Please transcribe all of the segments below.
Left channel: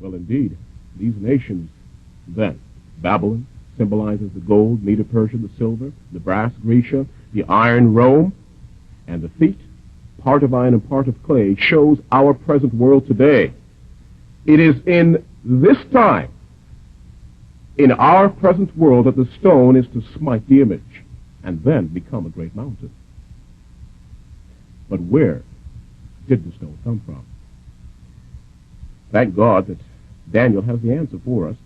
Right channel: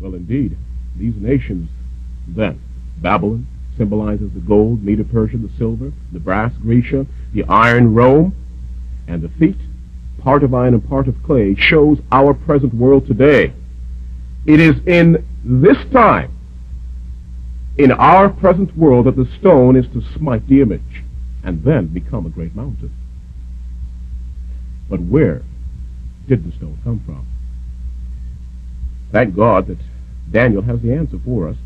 Well, indeed, these nations then, Babylon symbolizes the gold, Medo-Persia, the silver, the brass, Grecia, the iron, Rome, and the feet, part of iron and part of clay, shows our present world today. It is in this time, in our present world, that the stone is to smite the image and then become a great mountain. But where did the stone come from? Thank God that Daniel has the answer for us.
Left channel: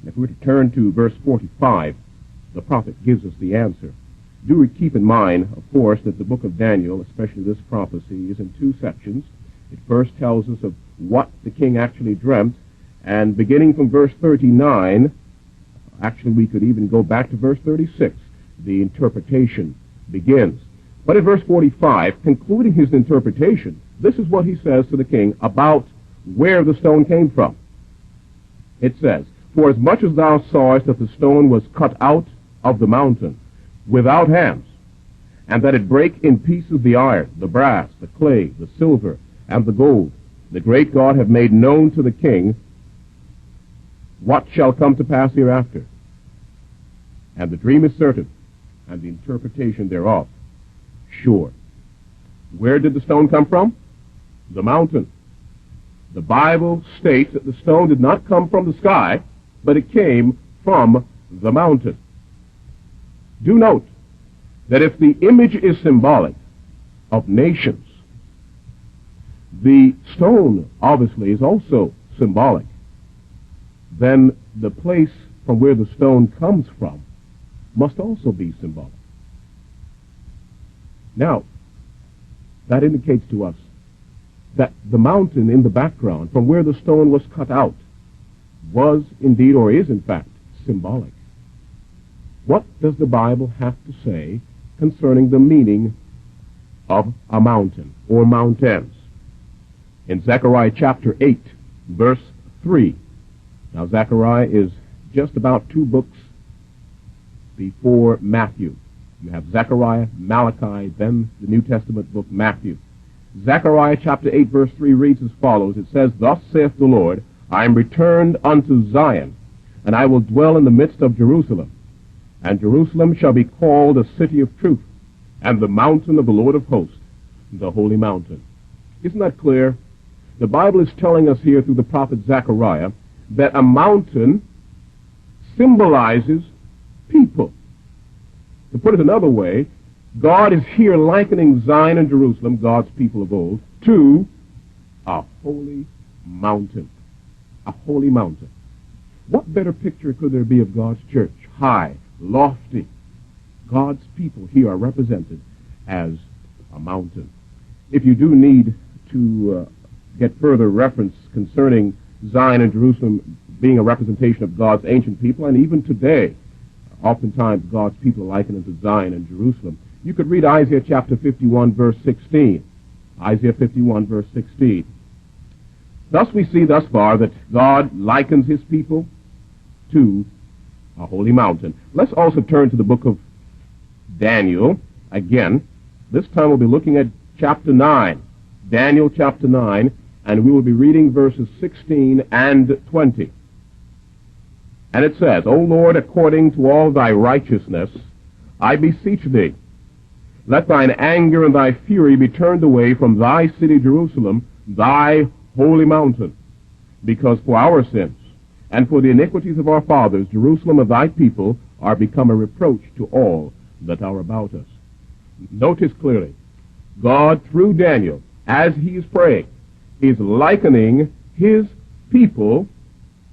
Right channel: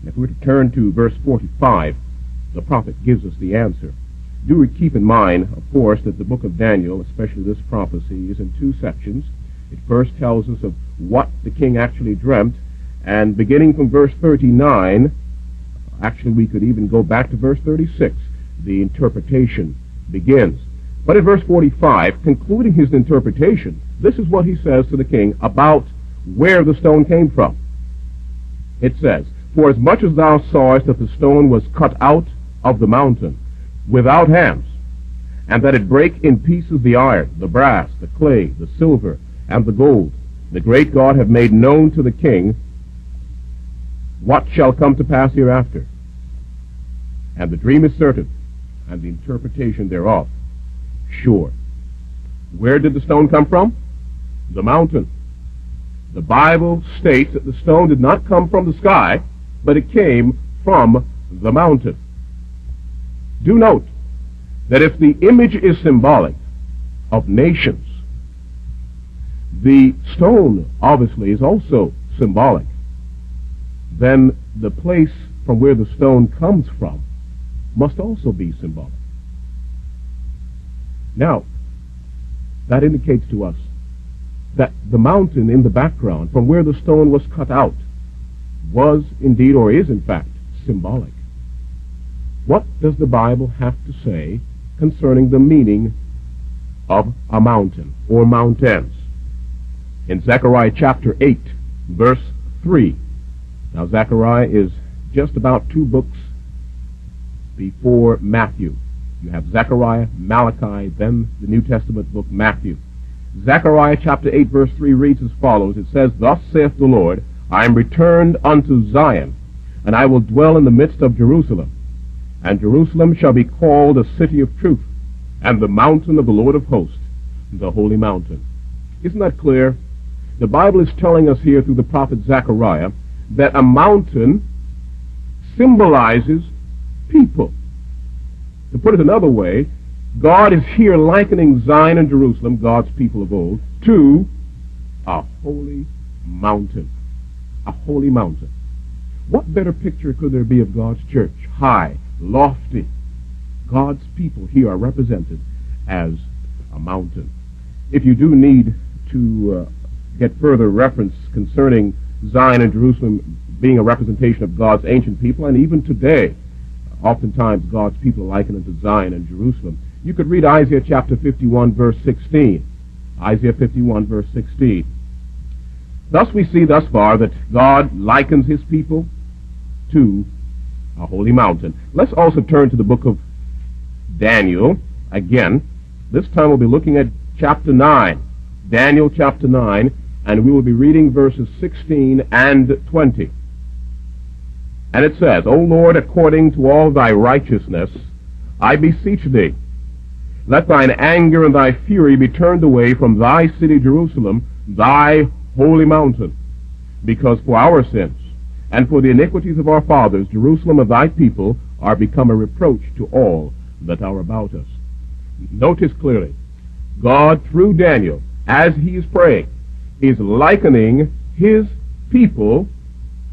And if we were to turn to verse 45, the prophet gives us the answer. Do keep in mind, of course, that the book of Daniel, especially this prophecy, is in two sections. It first tells us of what the king actually dreamt, and beginning from verse 39, actually we could even go back to verse 36, the interpretation begins. But in verse 45, concluding his interpretation, this is what he says to the king about where the stone came from. It says, "For as much as thou sawest that the stone was cut out of the mountain without hands, and that it brake in pieces the iron, the brass, the clay, the silver, and the gold, the great God have made known to the king what shall come to pass hereafter. And the dream is certain, and the interpretation thereof sure." Where did the stone come from? The mountain. The Bible states that the stone did not come from the sky, but it came from the mountain. Do note that if the image is symbolic of nations, the stone obviously is also symbolic. Then the place from where the stone comes from must also be symbolic. Now, that indicates to us that the mountain in the background, from where the stone was cut out, was indeed, or is in fact, symbolic. What does the Bible have to say concerning the meaning of a mountain or mountains? In Zechariah chapter 8, verse 3. Now, Zechariah is just about 2 books before Matthew. You have Zechariah, Malachi, then the New Testament book, Matthew. Zechariah chapter 8, verse 3 reads as follows. It says, "Thus saith the Lord, I am returned unto Zion, and I will dwell in the midst of Jerusalem. And Jerusalem shall be called a city of truth, and the mountain of the Lord of hosts, the holy mountain." Isn't that clear? The Bible is telling us here through the prophet Zechariah that a mountain symbolizes people. To put it another way, God is here likening Zion and Jerusalem, God's people of old, to a holy mountain. A holy mountain. What better picture could there be of God's church? High, lofty. God's people here are represented as a mountain. If you do need to get further reference concerning Zion and Jerusalem being a representation of God's ancient people, and even today, oftentimes God's people liken unto Zion and Jerusalem, you could read Isaiah chapter 51, verse 16. Isaiah 51, verse 16. Thus we see thus far that God likens his people to a holy mountain. Let's also turn to the book of Daniel again. This time we'll be looking at chapter 9. Daniel chapter 9, and we will be reading verses 16 and 20. And it says, "O Lord, according to all thy righteousness, I beseech thee, let thine anger and thy fury be turned away from thy city Jerusalem, thy holy mountain, because for our sins and for the iniquities of our fathers, Jerusalem and thy people are become a reproach to all that are about us." Notice clearly, God, through Daniel, as he is praying, is likening his people,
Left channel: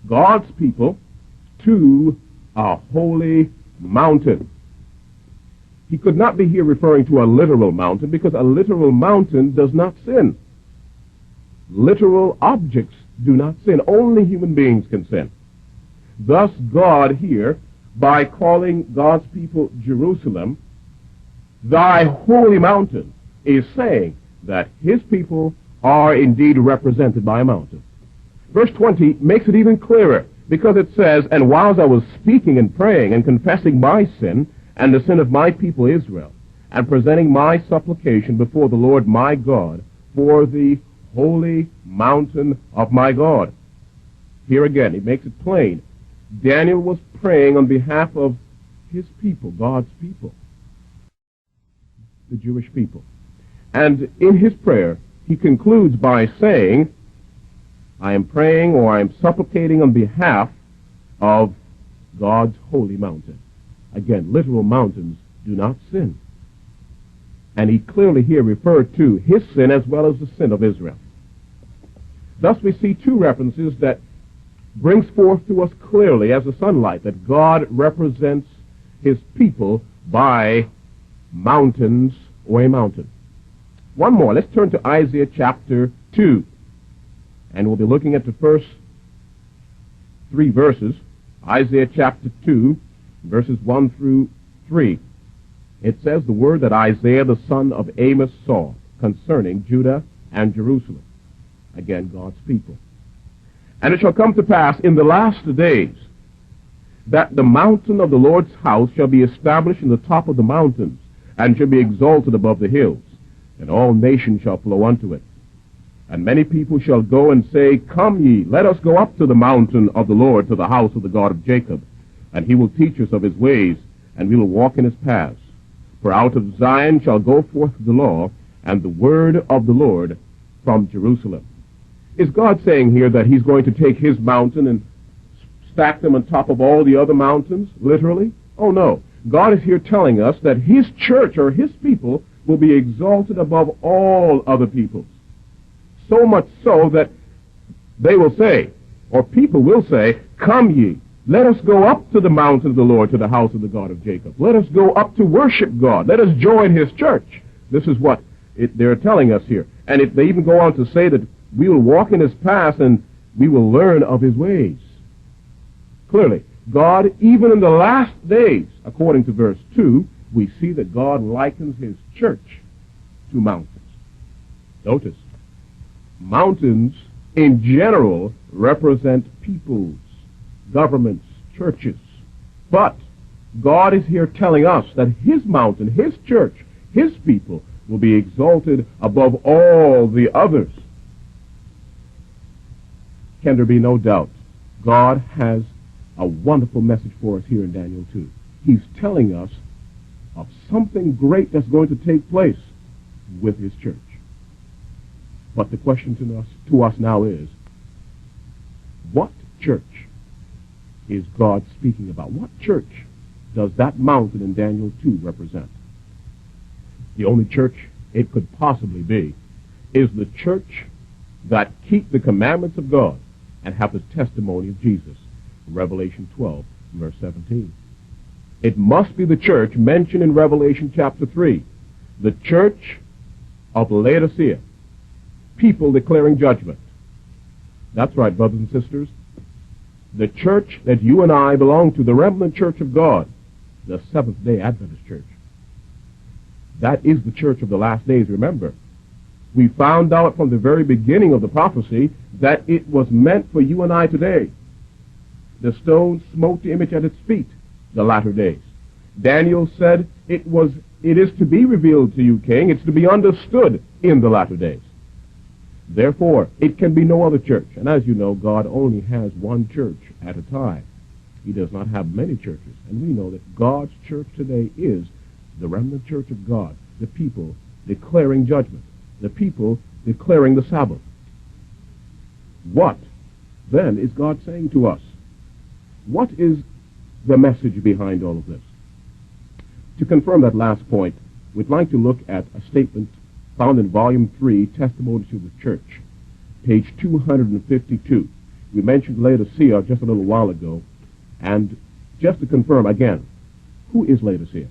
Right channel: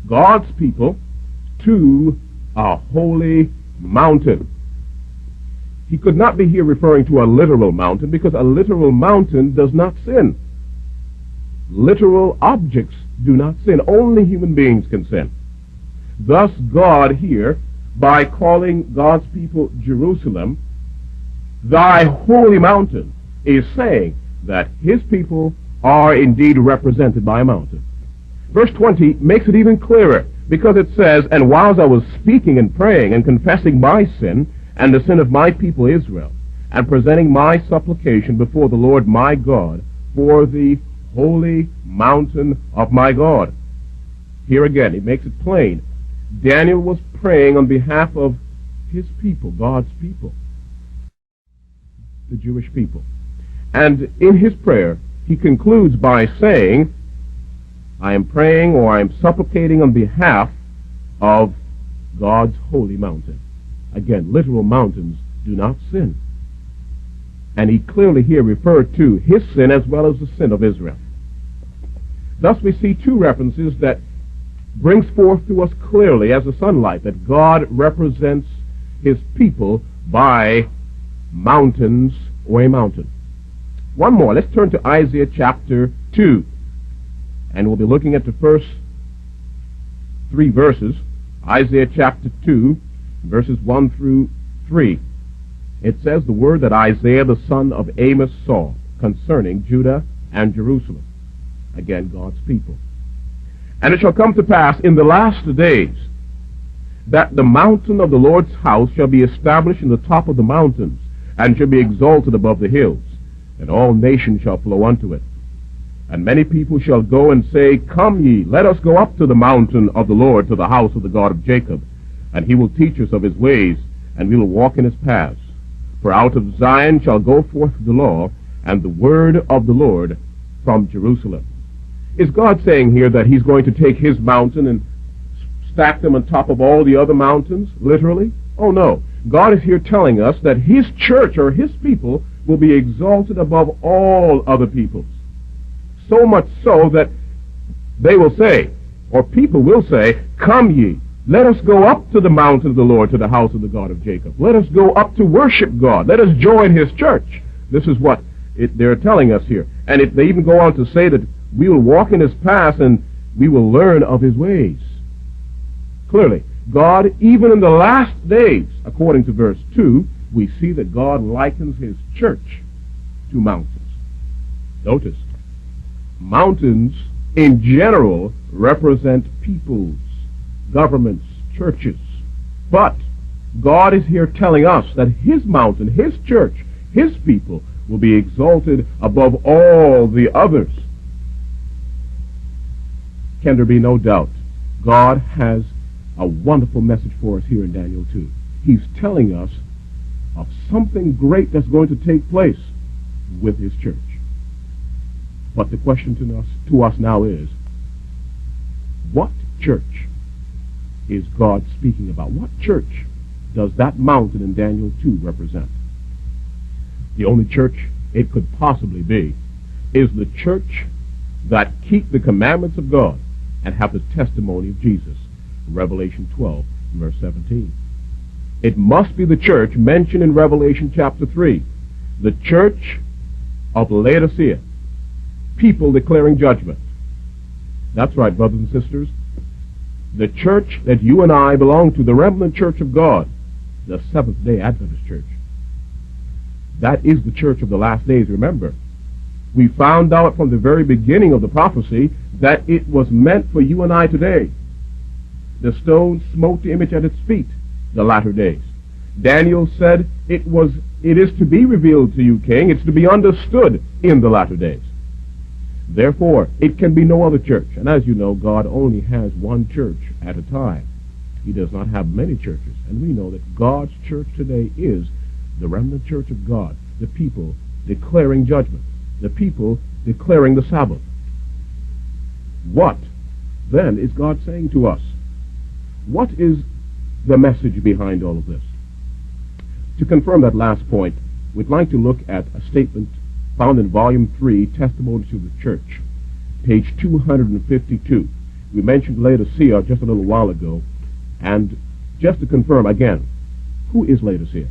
God's people, to a holy mountain. He could not be here referring to a literal mountain, because a literal mountain does not sin. Literal objects do not sin. Only human beings can sin. Thus God here, by calling God's people Jerusalem, thy holy mountain, is saying that his people are indeed represented by a mountain. Verse 20 makes it even clearer, because it says, "And whilst I was speaking and praying and confessing my sin and the sin of my people Israel, and presenting my supplication before the Lord my God for the holy mountain of my God." Here again, it makes it plain. Daniel was praying on behalf of his people, God's people, the Jewish people. And in his prayer, he concludes by saying, I am praying or I am supplicating on behalf of God's holy mountain. Again, literal mountains do not sin. And he clearly here referred to his sin as well as the sin of Israel. Thus we see two references that brings forth to us clearly as the sunlight that God represents his people by mountains or a mountain. One more. Let's turn to Isaiah chapter 2. And we'll be looking at the first 3 verses. Isaiah chapter 2, verses 1 through 3. It says the word that Isaiah the son of Amos saw concerning Judah and Jerusalem. Again, God's people. And it shall come to pass in the last days that the mountain of the Lord's house shall be established in the top of the mountains, and shall be exalted above the hills, and all nations shall flow unto it. And many people shall go and say, Come ye, let us go up to the mountain of the Lord, to the house of the God of Jacob, and he will teach us of his ways, and we will walk in his paths. For out of Zion shall go forth the law, and the word of the Lord from Jerusalem. Is God saying here that he's going to take his mountain and stack them on top of all the other mountains, literally? Oh, no. God is here telling us that his church or his people will be exalted above all other people. So much so that they will say, or people will say, Come ye, let us go up to the mountain of the Lord, to the house of the God of Jacob. Let us go up to worship God. Let us join his church. This is what they're telling us here. And if they even go on to say that we will walk in his paths and we will learn of his ways. Clearly, God, even in the last days, according to verse 2, we see that God likens his church to mountains. Notice, mountains in general represent peoples, governments, churches. But God is here telling us that his mountain, his church, his people will be exalted above all the others. Can there be no doubt? God has a wonderful message for us here in Daniel 2. He's telling us of something great that's going to take place with his church. But the question to us now is, what church is God speaking about? What church does that mountain in Daniel 2 represent? The only church it could possibly be is the church that keep the commandments of God and have the testimony of Jesus. Revelation 12, verse 17. It must be the church mentioned in Revelation chapter 3, the church of Laodicea, people declaring judgment. That's right, brothers and sisters. The church that you and I belong to, the remnant church of God, the Seventh-day Adventist church. That is the church of the last days, remember. We found out from the very beginning of the prophecy that it was meant for you and I today. The stone smote the image at its feet, the latter days. Daniel said it is to be revealed to you, king. It's to be understood in the latter days. Therefore, it can be no other church. And as you know, God only has one church at a time. He does not have many churches. And we know that God's church today is the remnant church of God, the people declaring judgment, the people declaring the Sabbath. What, then, is God saying to us? What is the message behind all of this? To confirm that last point, we'd like to look at a statement found in Volume 3, Testimony to the Church, page 252. We mentioned Laodicea just a little while ago, and just to confirm again, who is Laodicea?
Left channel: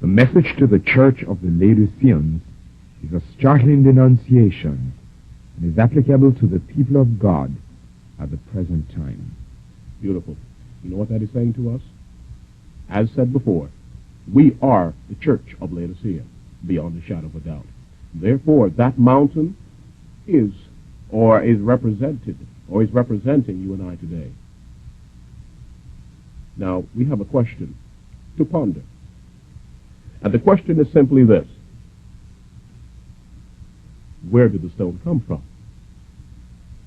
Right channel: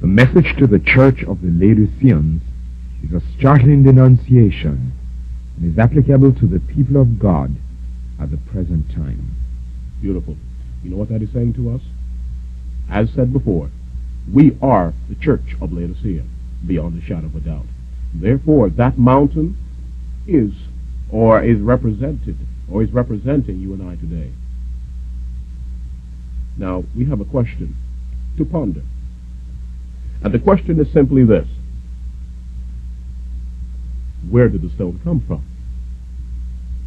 The message to the church of the Laodiceans is a startling denunciation and is applicable to the people of God at the present time. Beautiful. You know what that is saying to us? As said before, we are the church of Laodicea, beyond a shadow of a doubt. Therefore, that mountain is represented, or is representing you and I today. Now, we have a question to ponder. And the question is simply this: where did the stone come from?